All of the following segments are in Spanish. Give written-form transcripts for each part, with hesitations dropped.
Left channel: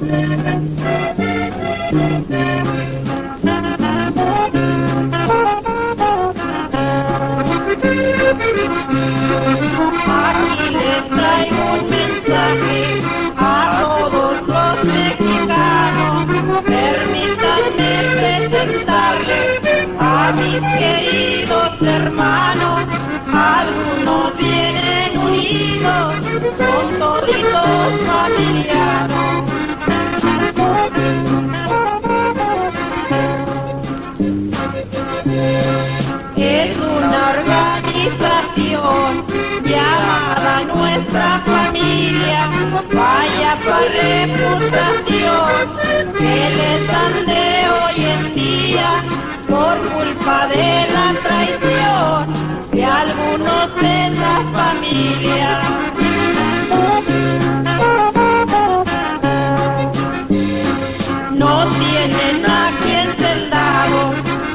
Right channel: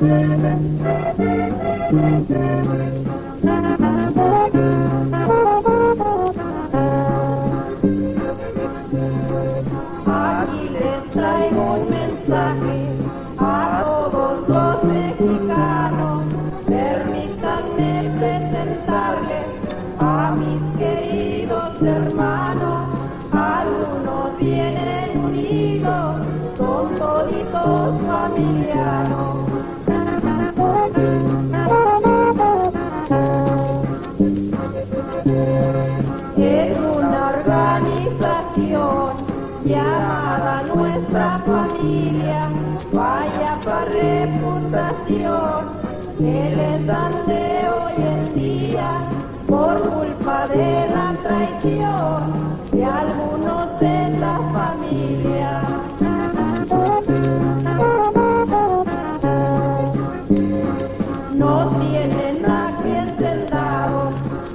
les traigo un mensaje a todos los mexicanos. Permítanme presentarles a mis queridos hermanos. Algunos vienen unidos, son toditos familianos. Es una organización llamada Nuestra Familia. Vaya reputación que les dan de hoy en día por culpa de la traición de algunos de la familia. No tienen a quien sentado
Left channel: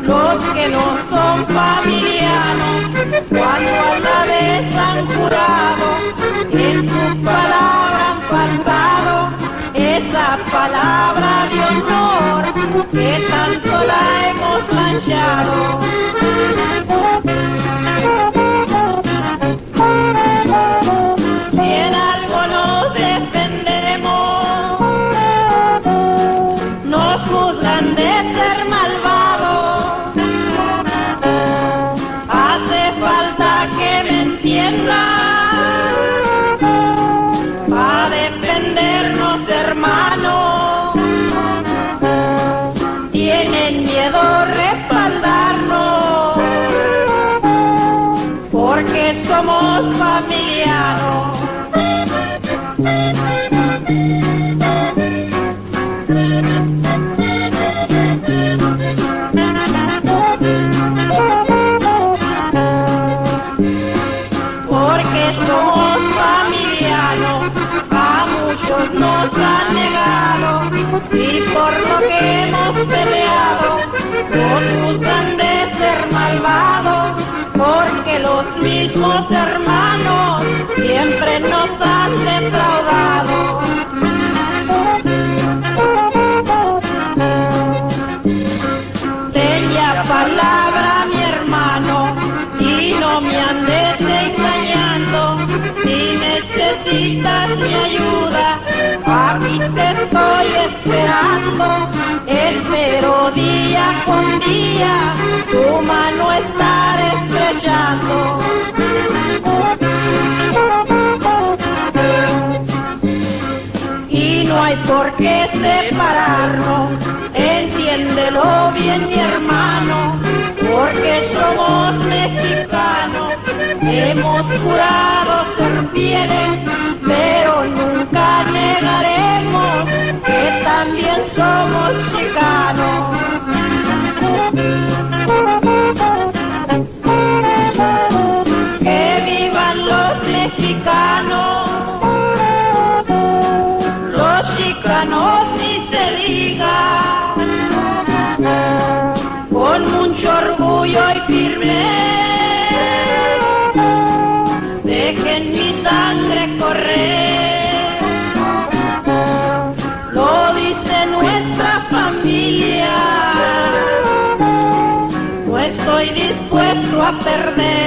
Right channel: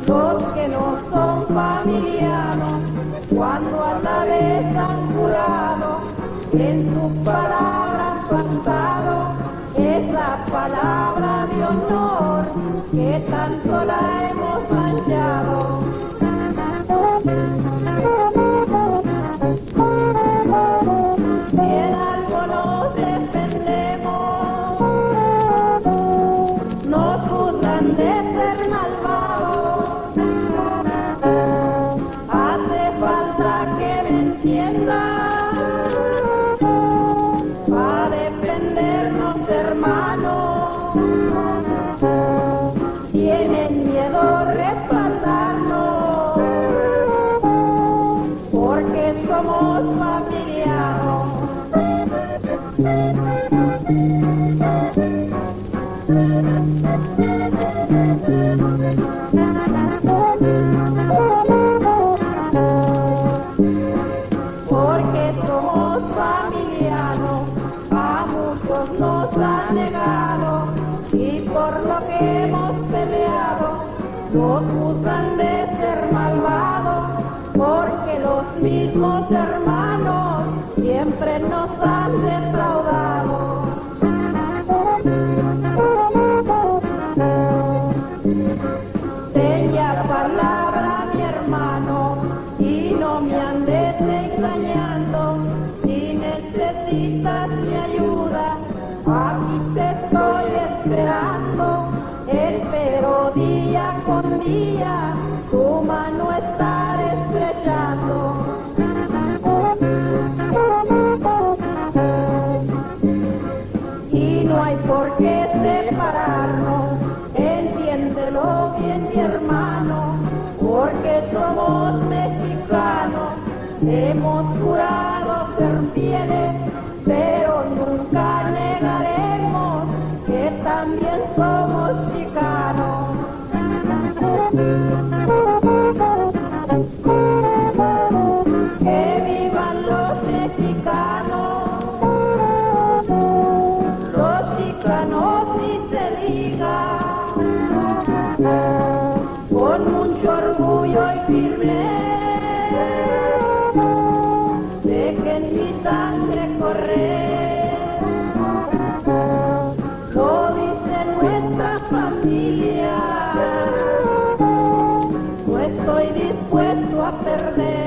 los que no son familianos, cuando a la vez han jurado, en su palabra han faltado, esa palabra de honor que tanto la hemos manchado. Si en algo nos defendemos, nos juzgan de ser malvados. Hace falta que me entiendan para defendernos, hermanos. Tienen miedo respaldarnos porque somos familianos. Porque somos familianos, a muchos nos han negado, y por lo que hemos peleado, nos juzgan de ser malvados, porque los mismos hermanos siempre nos han defraudado. Bella palabra, mi hermano, y no me andes engañando. Si necesitas mi ayuda, aquí te estoy esperando. Espero día con día tu mano estar estrellando. Y no hay por qué separarnos, entiéndelo bien, mi hermano, porque somos mexicanos. Hemos jurado ser fieles, pero nunca negaremos que también somos chicanos. Que vivan los mexicanos, los chicanos ni se diga, con mucho orgullo y firmeza, dejen mi sangre correr. Lo dice nuestra familia, no estoy dispuesto a perder.